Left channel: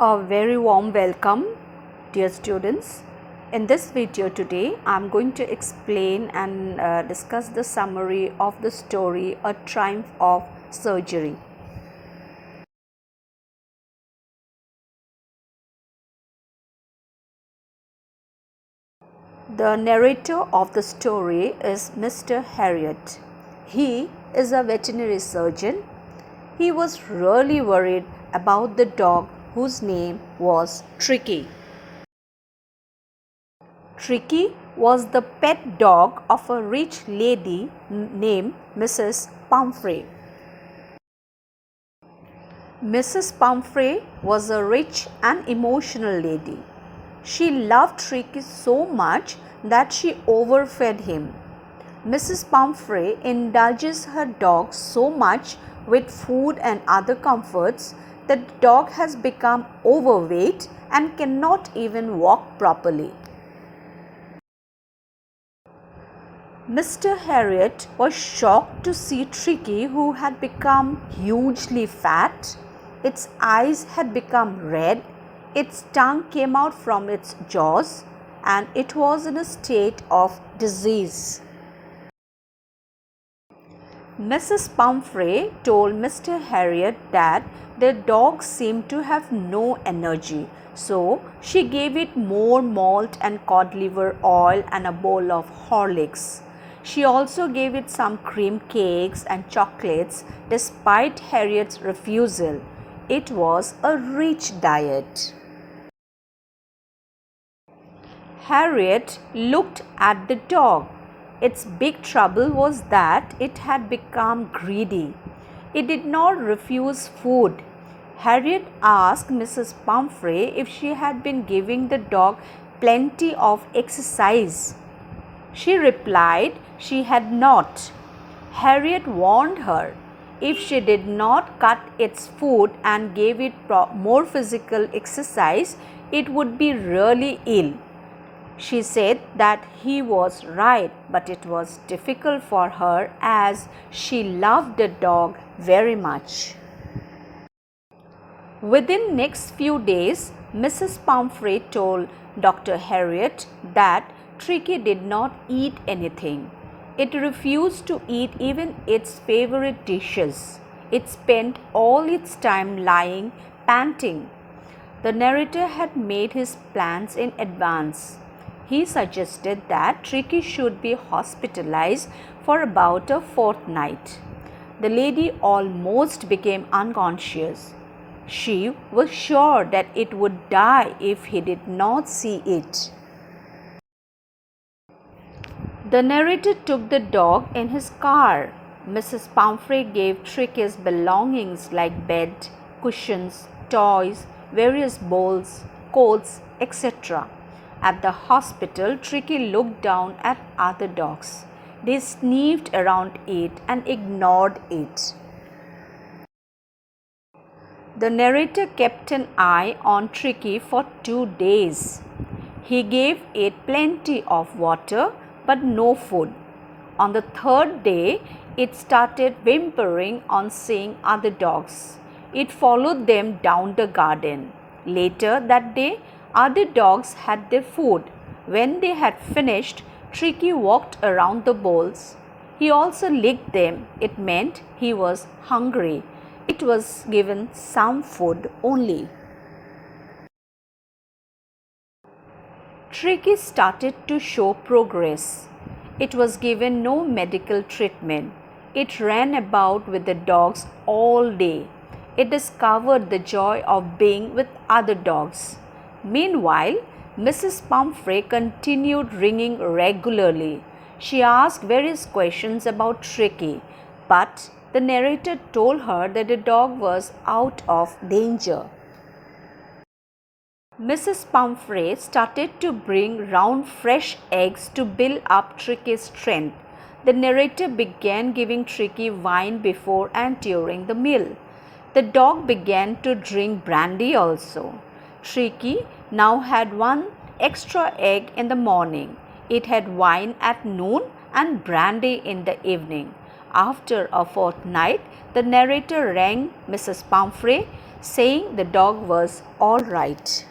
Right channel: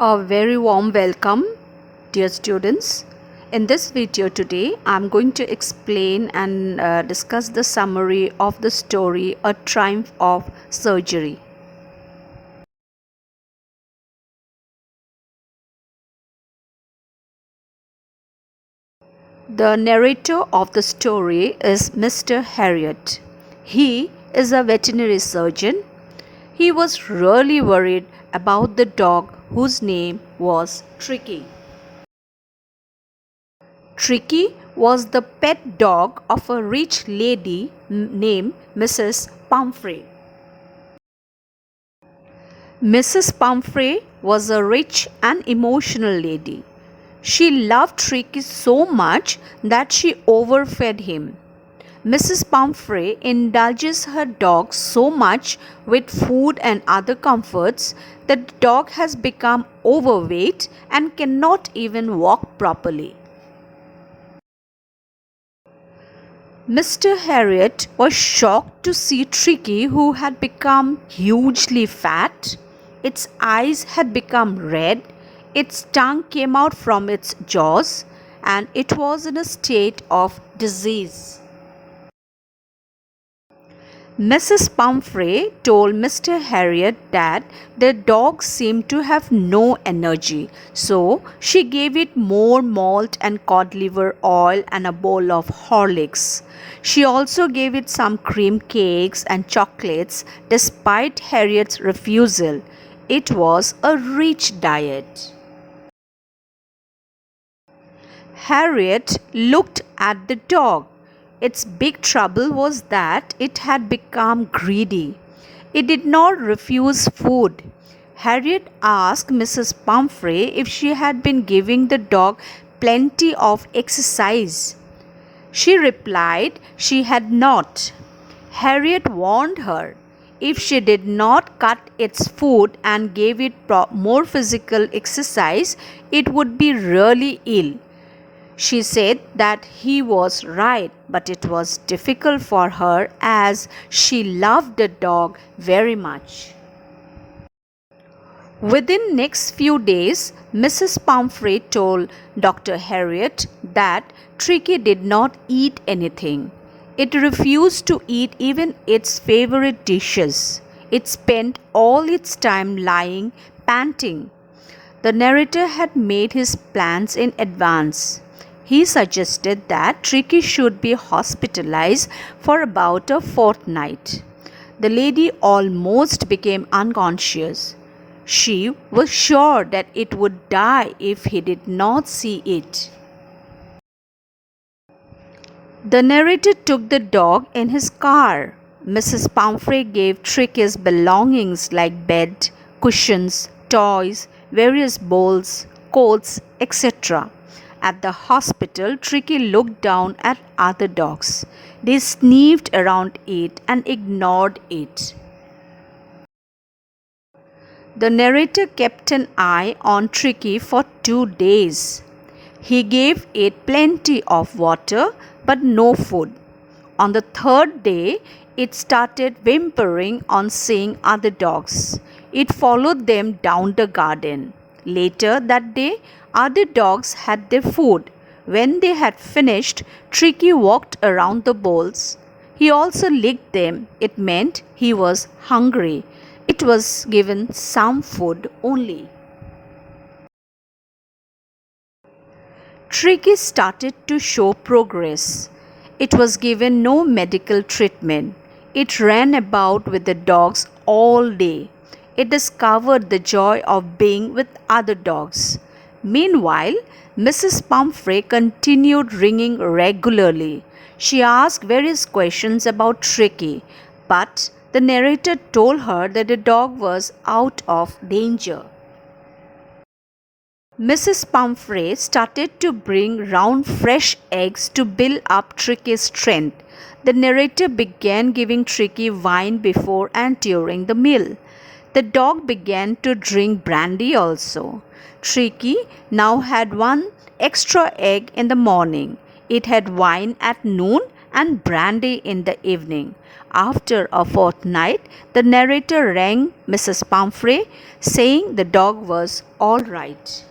A very warm welcome, dear students. In this video today, I'm going to explain and discuss the summary of the story A Triumph of Surgery. The narrator of the story is Mr. Harriet. He is a veterinary surgeon. He was really worried about the dog whose name was Tricky. Tricky was the pet dog of a rich lady named Mrs. Palmfrey. Mrs. Palmfrey was a rich and emotional lady. She loved Tricky so much that she overfed him. Mrs. Palmfrey indulges her dog so much with food and other comforts that the dog has become overweight and cannot even walk properly. Mr. Harriet was shocked to see Tricky, who had become hugely fat. Its eyes had become red, its tongue came out from its jaws, and it was in a state of disease. Mrs. Palmfrey told Mr. Harriet that the dog seemed to have no energy, so she gave it more malt and cod liver oil and a bowl of Horlicks. She also gave it some cream cakes and chocolates despite Harriet's refusal. It was a rich diet. Harriet looked at the dog. Its big trouble was that it had become greedy. It did not refuse food. Harriet asked Mrs. Palmfrey if she had been giving the dog plenty of exercise. She replied she had not. Harriet warned her if she did not cut its food and gave it more physical exercise, it would be really ill. She said that he was right, but it was difficult for her as she loved the dog very much. Within next few days, Mrs. Palmfrey told Dr. Harriet that Tricky did not eat anything. It refused to eat even its favorite dishes. It spent all its time lying, panting. The narrator had made his plans in advance. He suggested that Tricky should be hospitalized for about a fortnight. The lady almost became unconscious. She was sure that it would die if he did not see it. The narrator took the dog in his car. Mrs. Palmfrey gave Tricky's belongings like bed, cushions, toys, various bowls, coats, etc. At the hospital, Tricky looked down at other dogs. They sniffed around it and ignored it. The narrator kept an eye on Tricky for 2 days. He gave it plenty of water but no food. On the 3rd day, it started whimpering on seeing other dogs. It followed them down the garden. Later that day, other dogs had their food. When they had finished, Tricky walked around the bowls. He also licked them. It meant he was hungry. It was given some food only. Tricky started to show progress. It was given no medical treatment. It ran about with the dogs all day. It discovered the joy of being with other dogs. Meanwhile, Mrs. Palmfrey continued ringing regularly. She asked various questions about Tricky, but the narrator told her that the dog was out of danger. Mrs. Palmfrey started to bring round fresh eggs to build up Tricky's strength. The narrator began giving Tricky wine before and during the meal. The dog began to drink brandy also. Tricky now had one extra egg in the morning. It had wine at noon and brandy in the evening. After a fortnight, the narrator rang Mrs. Palmfrey, saying the dog was all right.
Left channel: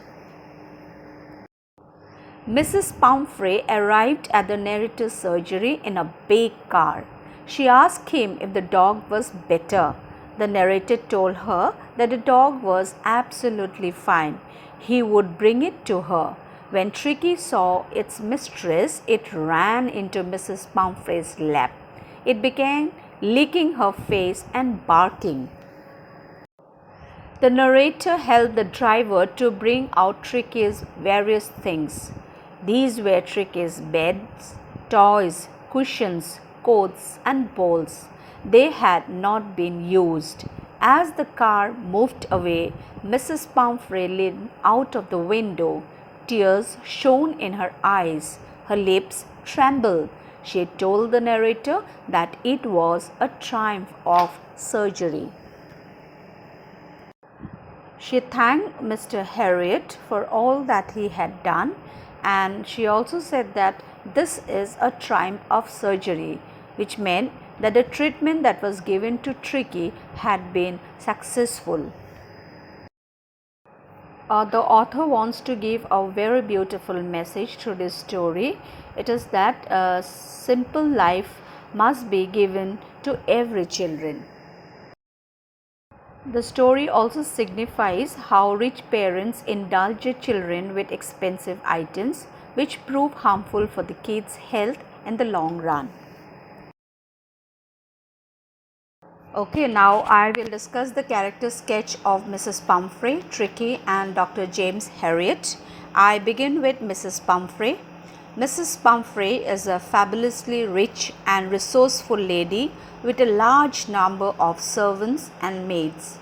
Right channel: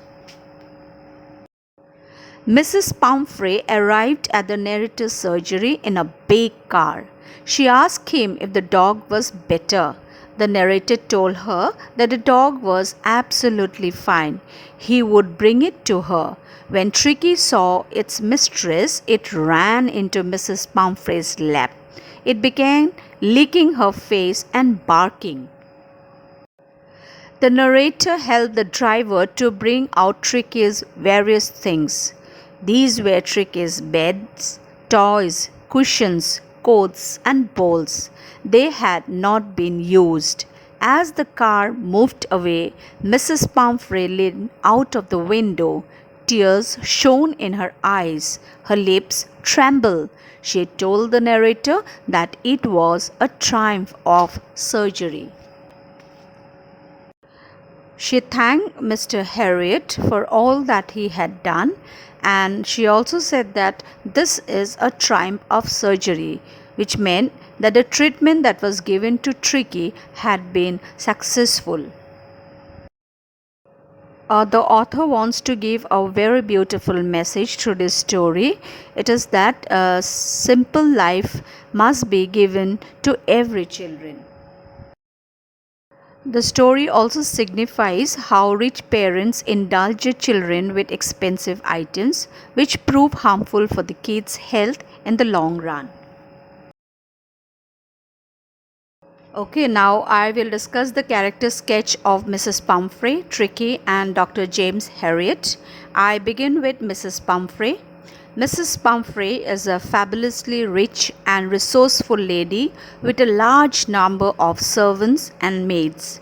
Mrs. Palmfrey arrived at the narrator's surgery in a big car. She asked him if the dog was better. The narrator told her that the dog was absolutely fine. He would bring it to her. When Tricky saw its mistress, it ran into Mrs. Palmfrey's lap. It began licking her face and barking. The narrator helped the driver to bring out Tricky's various things. These were Tricky's beds, toys, cushions, coats, and bowls. They had not been used. As the car moved away, Mrs. Palmfrey leaned out of the window. Tears shone in her eyes. Her lips trembled. She told the narrator that it was a triumph of surgery. She thanked Mr. Harriet for all that he had done, and she also said that this is a triumph of surgery, which meant that the treatment that was given to Tricky had been successful. The author wants to give a very beautiful message through this story. It is that a simple life must be given to every children. The story also signifies how rich parents indulge their children with expensive items which prove harmful for the kids' health in the long run. Okay, now I will discuss the character sketch of Mrs. Palmfrey, Tricky, and Dr. James Harriet. I begin with Mrs. Palmfrey. Mrs. Palmfrey is a fabulously rich and resourceful lady with a large number of servants and maids.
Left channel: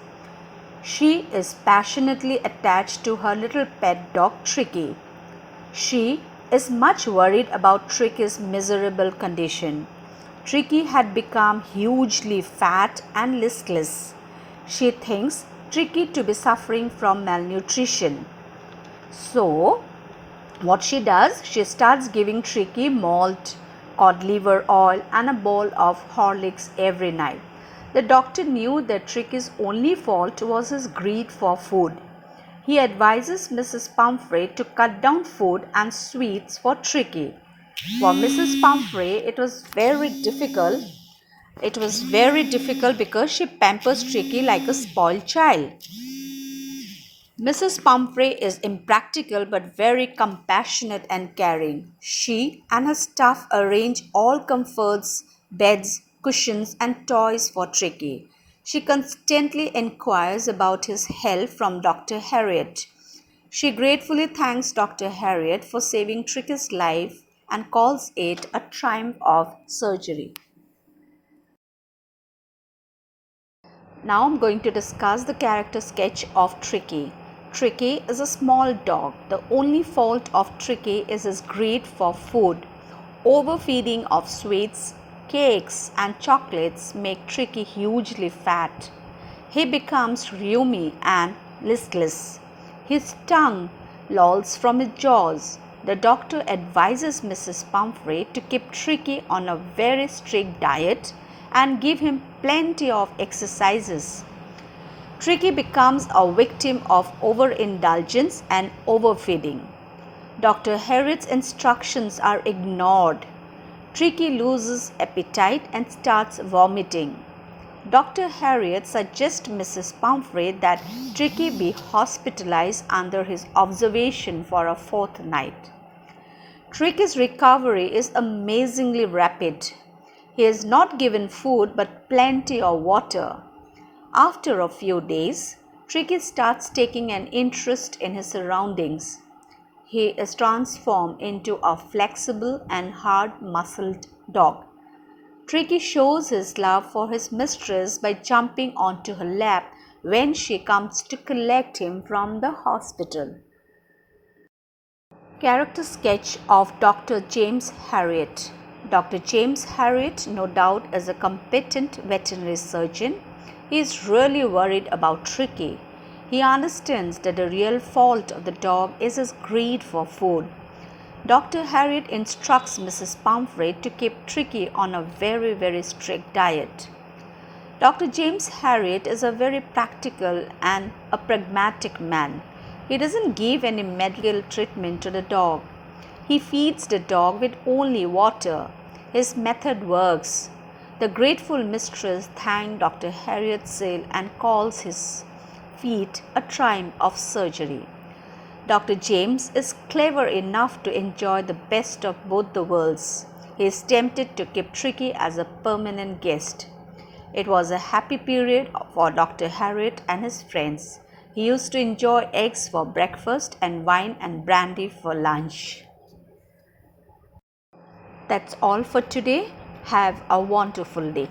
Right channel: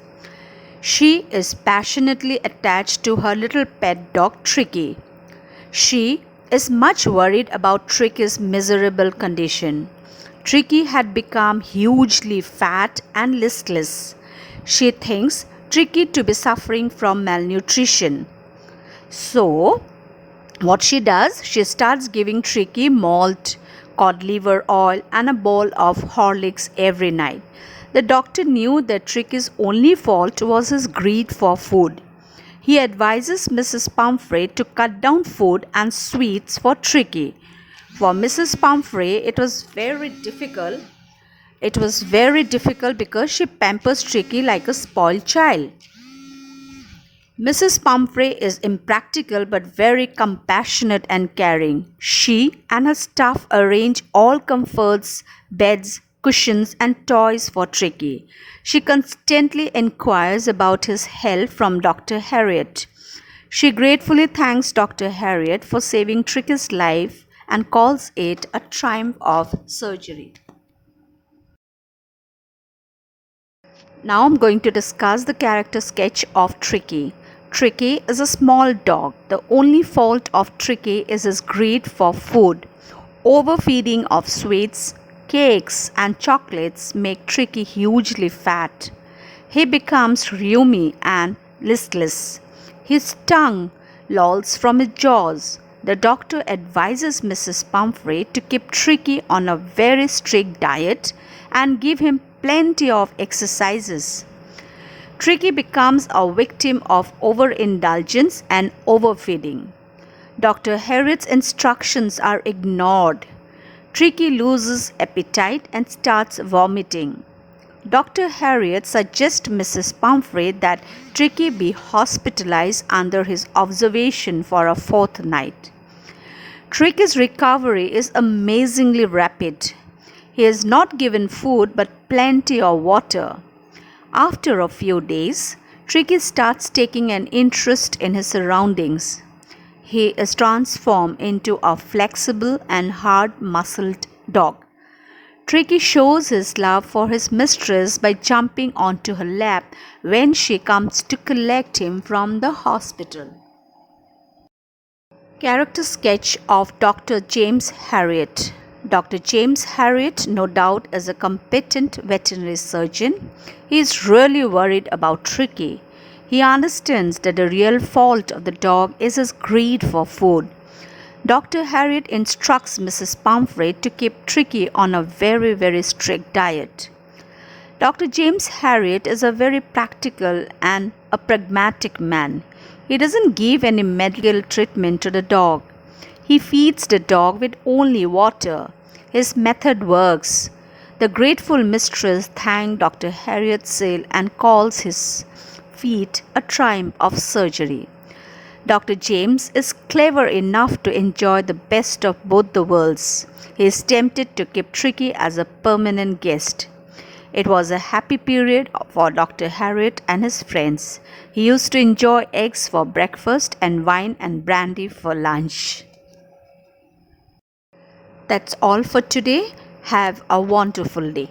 She is passionately attached to her little pet dog Tricky. She is much worried about Tricky's miserable condition. Tricky had become hugely fat and listless. She thinks Tricky to be suffering from malnutrition. So, what she does, she starts giving Tricky malt, cod liver oil, and a bowl of Horlicks every night. The doctor knew that Tricky's only fault was his greed for food. He advises Mrs. Palmfrey to cut down food and sweets for Tricky. For Mrs. Palmfrey, it was very difficult. It was very difficult because she pampers Tricky like a spoiled child. Mrs. Palmfrey is impractical but very compassionate and caring. She and her staff arrange all comforts, beds, cushions, and toys for Tricky. She constantly inquires about his health from Dr. Harriet. She gratefully thanks Dr. Harriet for saving Tricky's life and calls it a triumph of surgery. Now I'm going to discuss the character sketch of Tricky. Tricky is a small dog. The only fault of Tricky is his greed for food. Overfeeding of sweets, cakes, and chocolates make Tricky hugely fat. He becomes rheumy and listless. His tongue lolls from his jaws. The doctor advises Mrs. Palmfrey to keep Tricky on a very strict diet and give him plenty of exercises. Tricky becomes a victim of overindulgence and overfeeding. Dr. Harriet's instructions are ignored. Tricky loses appetite and starts vomiting. Dr. Harriet suggests Mrs. Palmfrey that Tricky be hospitalized under his observation for a fortnight. Tricky's recovery is amazingly rapid. He is not given food but plenty of water. After a few days, Tricky starts taking an interest in his surroundings. He is transformed into a flexible and hard-muscled dog. Tricky shows his love for his mistress by jumping onto her lap when she comes to collect him from the hospital. Character sketch of Dr. James Harriet. Dr. James Harriet, no doubt, is a competent veterinary surgeon. He is really worried about Tricky. He understands that the real fault of the dog is his greed for food. Dr. Harriet instructs Mrs. Palmfrey to keep Tricky on a very strict diet. Dr. James Harriet is a very practical and a pragmatic man. He doesn't give any medical treatment to the dog. He feeds the dog with only water. His method works. The grateful mistress thanks Dr. Harriet's sale and calls his feat a triumph of surgery. Dr. James is clever enough to enjoy the best of both the worlds. He is tempted to keep Tricky as a permanent guest. It was a happy period for Dr. Harriet and his friends. He used to enjoy eggs for breakfast and wine and brandy for lunch. That's all for today. Have a wonderful day.